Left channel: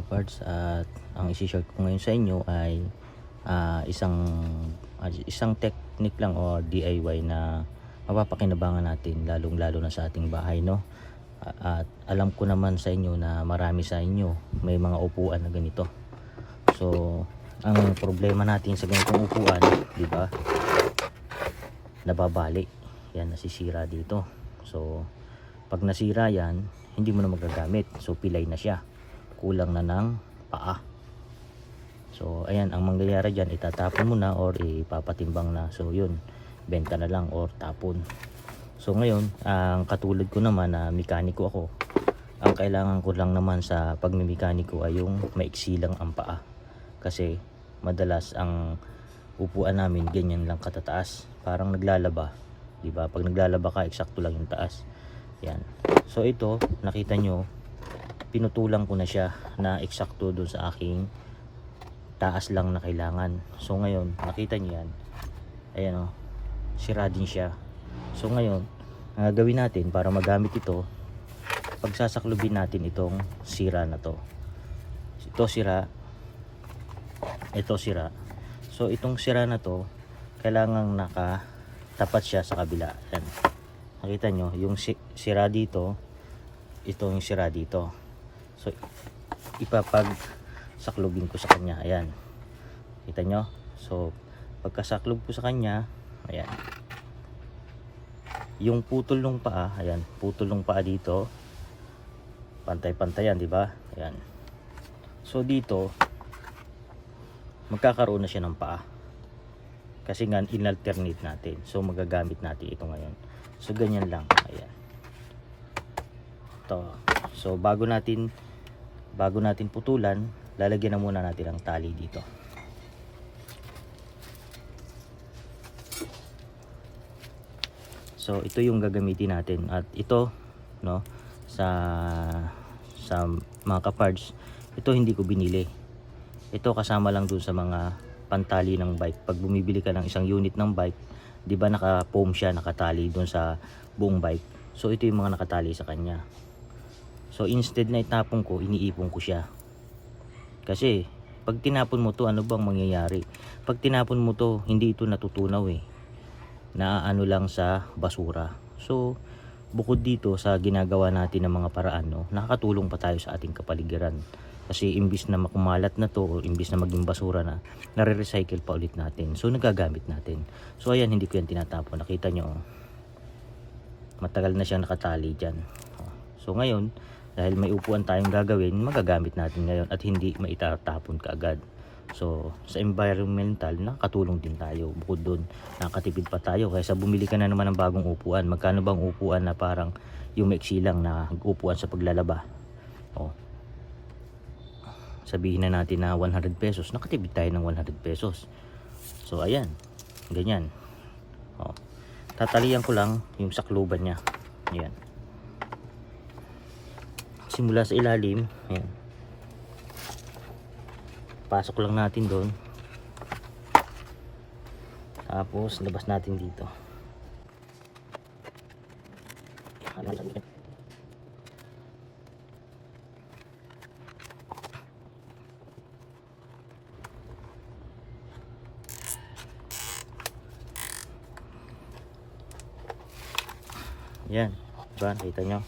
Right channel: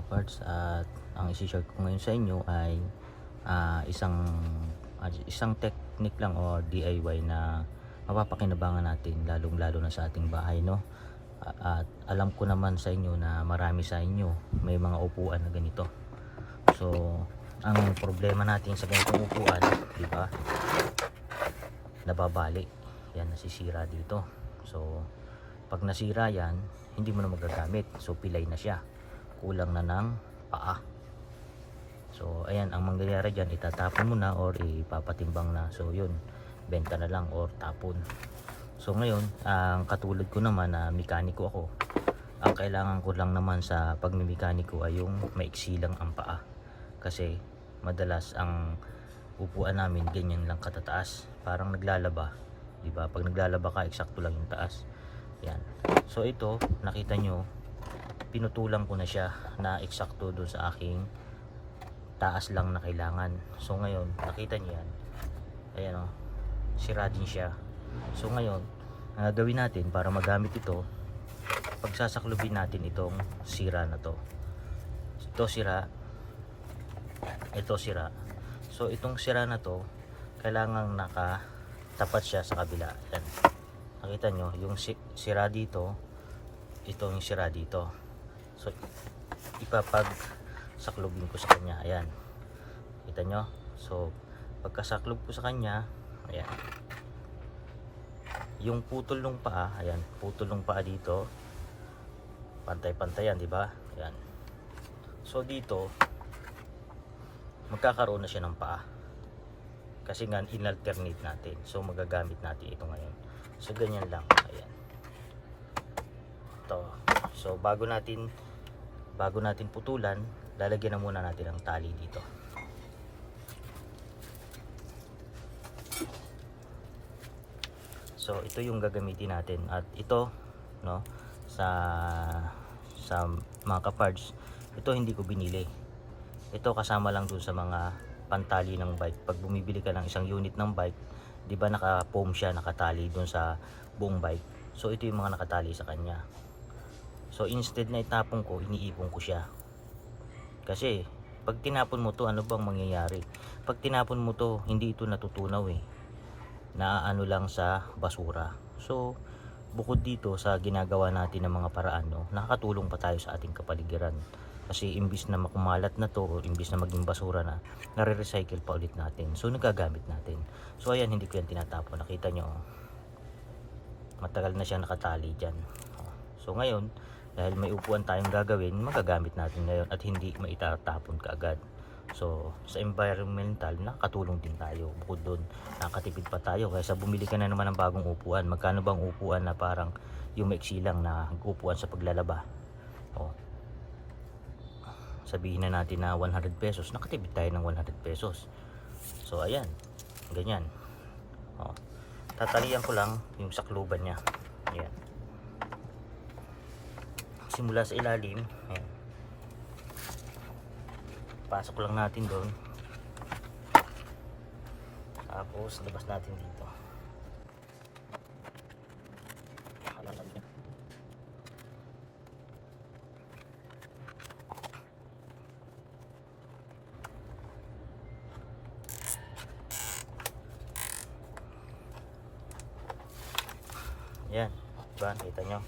mga kaparts, at ang isi-share ko ngayon sa inyo ay isang technique lang o DIY na mapapakinabangan natin lalong lalo na sa ating bahay, no? At alam ko naman sa inyo na marami sa inyo may mga upuan na ganito. So ang problema natin sa ganitong upuan, di ba, nababali yan, nasisira dito. So pag nasira yan, hindi mo na magagamit, so pilay na siya, kulang na ng paa. So ayan, ang mangyayari dyan, itatapon mo na or ipapatimbang na. So yun, benta na lang or tapon. So ngayon, ang katulad ko naman na mekaniko ako, ang kailangan ko lang naman sa pagmimekaniko ay yung maiksi lang ang paa. Kasi madalas ang upuan namin ganyan lang katataas, parang naglalaba, di ba? Pag naglalaba ka, eksakto lang yung taas. Yan. So ito, nakita nyo, pinutulang ko na siya na eksakto dun sa aking taas lang na kailangan. So ngayon, nakita nyo yan, ayan o, sira din siya. So ngayon, ang gagawin natin para magamit ito, pagsasaklubin natin itong sira na to. Ito sira, ito sira. So itong sira na to, kailangang nakatapat siya sa kabila. Ayan. Nakita nyo, yung sira dito, ito yung sira dito. So ipapagsaklubin ko sa kanya. Ayan, kita nyo. So pagkasaklob ko sa kanya, ayan, yung putol ng paa, ayan, putol ng paa dito, pantay-pantay yan, di ba? Ayan. So dito magkakaroon na siya ng paa kasi nga in-alternate natin. So magagamit natin ito ngayon. So ganyan lang, ayan. Ito. So bago natin putulan, lalagyan na muna natin ang tali dito. So ito yung gagamitin natin, at ito, no, sa mga kaparts, ito hindi ko binili. Ito kasama lang dun sa mga pantali ng bike. Pag bumibili ka ng isang unit ng bike, di ba naka-foam siya, nakatali dun sa buong bike. So ito yung mga nakatali sa kanya. So instead na itapon ko, iniipon ko siya. Kasi pag tinapon mo to, ano bang mangyayari? Pag tinapon mo to, hindi ito natutunaw eh. Naaano lang sa basura. So bukod dito sa ginagawa natin ng mga paraan, no, nakakatulong pa tayo sa ating kapaligiran. Kasi imbis na makumalat na to, o imbis na maging basura na, nare-recycle pa ulit natin. So nagagamit natin. So ayan, hindi ko yan tinatapon. Nakita nyo, matagal na siyang nakatali dyan. So ngayon, dahil may upuan tayong gagawin, magagamit natin ngayon at hindi maitatapon kaagad. So sa environmental, nakatulong din tayo. Bukod doon, nakatipid pa tayo kaysa bumili ka na naman ng bagong upuan. Magkano bang upuan na parang yung maiksi lang na upuan sa paglalaba? Sabihin na natin na 100 pesos, nakatipid tayo ng 100 pesos. So ayan, ganyan. Tatalian ko lang yung sakluban niya. Ayan. Simula sa ilalim, ayan. Pasok lang natin doon. Tapos labas natin dito. Yan, diba? Kita nyo.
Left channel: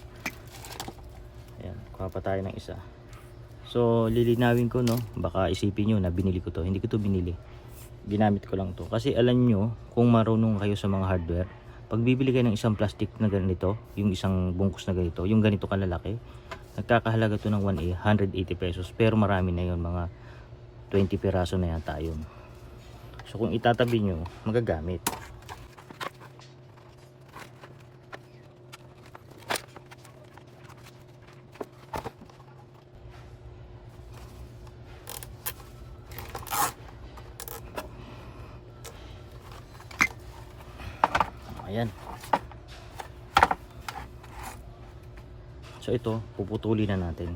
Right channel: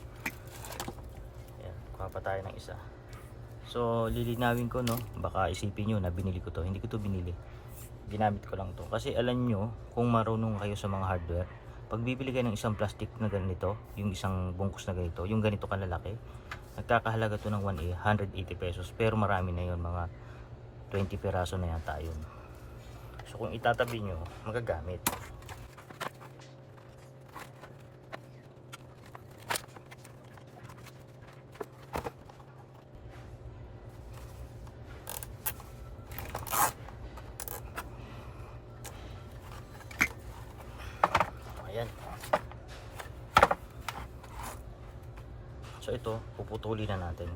Yan, kuha pa tayo ng isa. So lilinawin ko, no, baka isipin nyo na binili ko to. Hindi ko to binili, ginamit ko lang to. Kasi alam nyo, kung marunong kayo sa mga hardware, pag bibili kayo ng isang plastic na ganito, yung isang bungkus na ganito, yung ganito kalalaki, nagkakahalaga to ng 180 pesos. Pero marami na yun, mga 20 piraso na yan tayo. So kung itatabi nyo, magagamit. Ayan. So ito, puputulin na natin.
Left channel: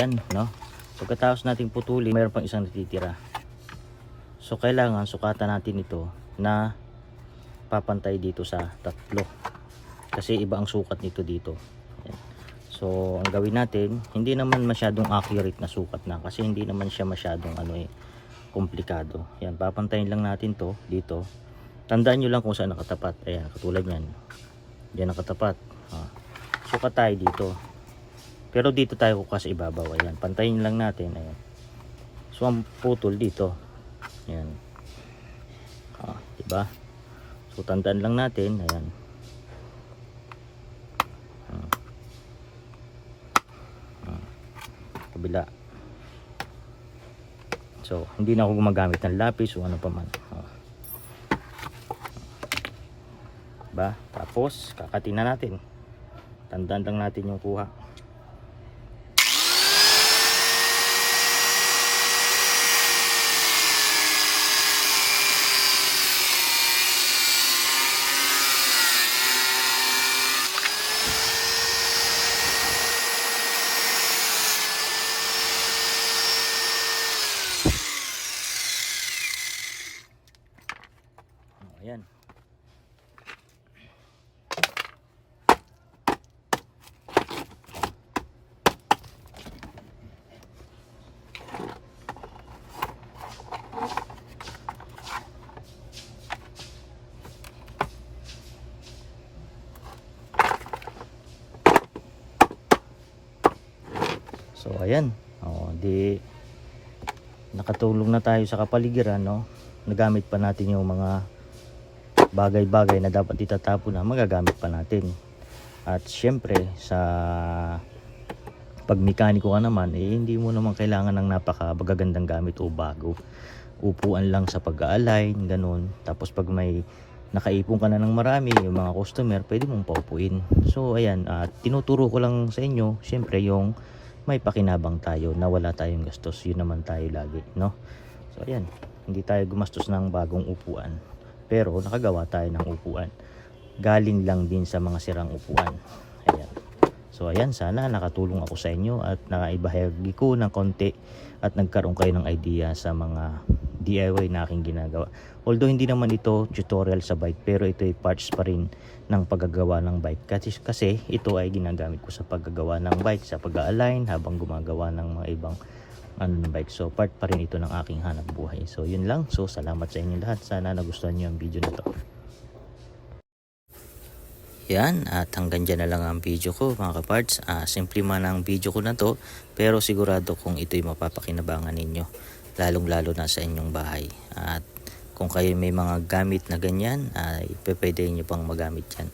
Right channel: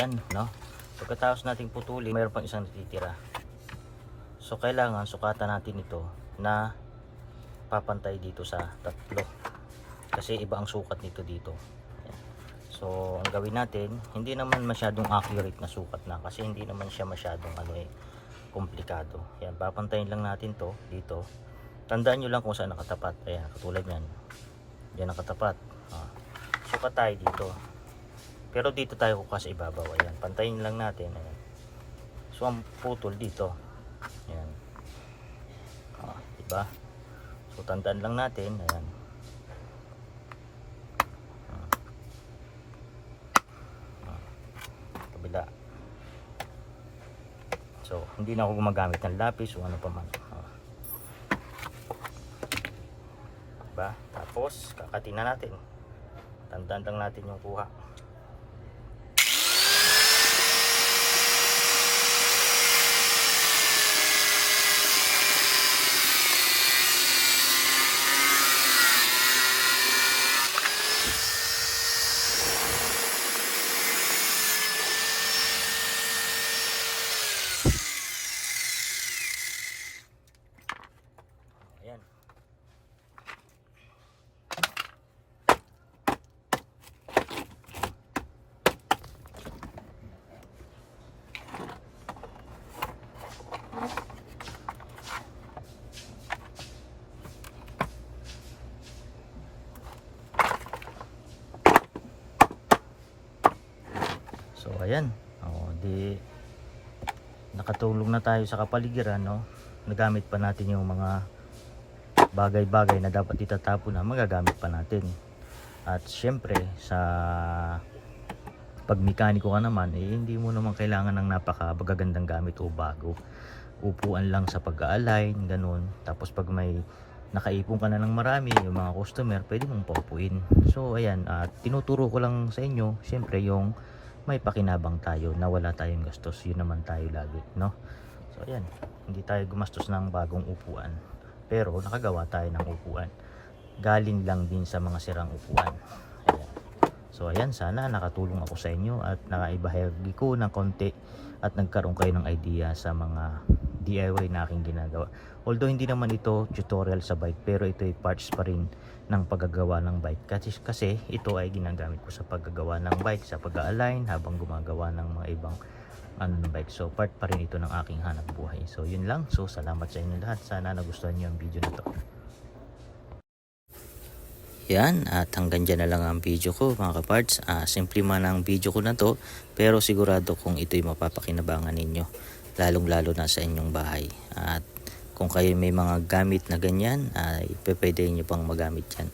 ayan, no? Pagkatapos natin putulin, mayroon pang isang natitira. So kailangan sukatan natin ito na papantay dito sa tatlo. Kasi iba ang sukat nito dito. Ayan. So ang gawin natin, hindi naman masyadong accurate na sukat na kasi hindi naman siya masyadong komplikado. Yan, papantayin lang natin to dito. Tandaan nyo lang kung saan nakatapat. Ayan, katulad yan. Diyan nakatapat. Sukat tayo dito. Pero dito tayo kukas ibabaw. Ayan, pantayin lang natin. Ayan. So ang putol dito. Ayan. Diba? So tandaan lang natin. Ayan. Kabila. So hindi na ako gumagamit ng lapis o ano pa man. Diba? Tapos kakatin na natin. Tandaan lang natin yung kuha. Ayan. So ayan, di nakatulong na tayo sa kapaligiran, no? Nagamit pa natin yung mga bagay-bagay na dapat itatapon na magagamit pa natin. At syempre sa pagmekaniko ka naman, hindi mo naman kailangan ng napakagagandang gamit o bago. Upuan lang sa pag-align, ganun. Tapos pag may nakaipon ka na ng marami, yung mga customer, pwede mong paupuin. So ayan, tinuturo ko lang sa inyo, syempre yung may pakinabang tayo na wala tayong gastos, yun naman tayo lagi, no? So ayan, hindi tayo gumastos ng bagong upuan, pero nakagawa tayo ng upuan galing lang din sa mga sirang upuan. Ayan. So ayan, sana nakatulong ako sa inyo at nakaibahagi ko ng konti at nagkaroon kayo ng idea sa mga DIY na aking ginagawa. Although hindi naman ito tutorial sa bike, pero ito ay parts pa rin ng paggagawa ng bike. Kasi ito ay ginagamit ko sa paggagawa ng bike, sa pag-align habang gumagawa ng mga ibang bike. So part pa rin ito ng aking hanap buhay. So yun lang. So salamat sa inyo lahat. Sana nagustuhan nyo yung video nito. Yan, at hanggang dyan na lang ang video ko mga kaparts. Simple man ang video ko na to, pero sigurado kung ito'y mapapakinabangan ninyo, lalong lalo na sa inyong bahay. At kung kayo may mga gamit na ganyan, ay pwede nyo pang magamit yan.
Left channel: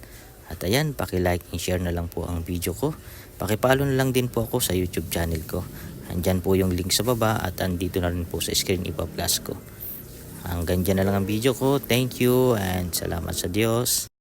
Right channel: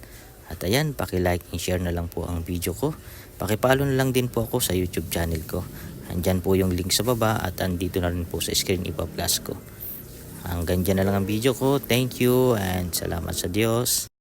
At ayan, paki-like and share na lang po ang video ko. Paki-follow na lang din po ako sa YouTube channel ko. Andyan po yung link sa baba at andito na rin po sa screen ipa-plus ko. Hanggang dyan na lang ang video ko. Thank you and salamat sa Diyos.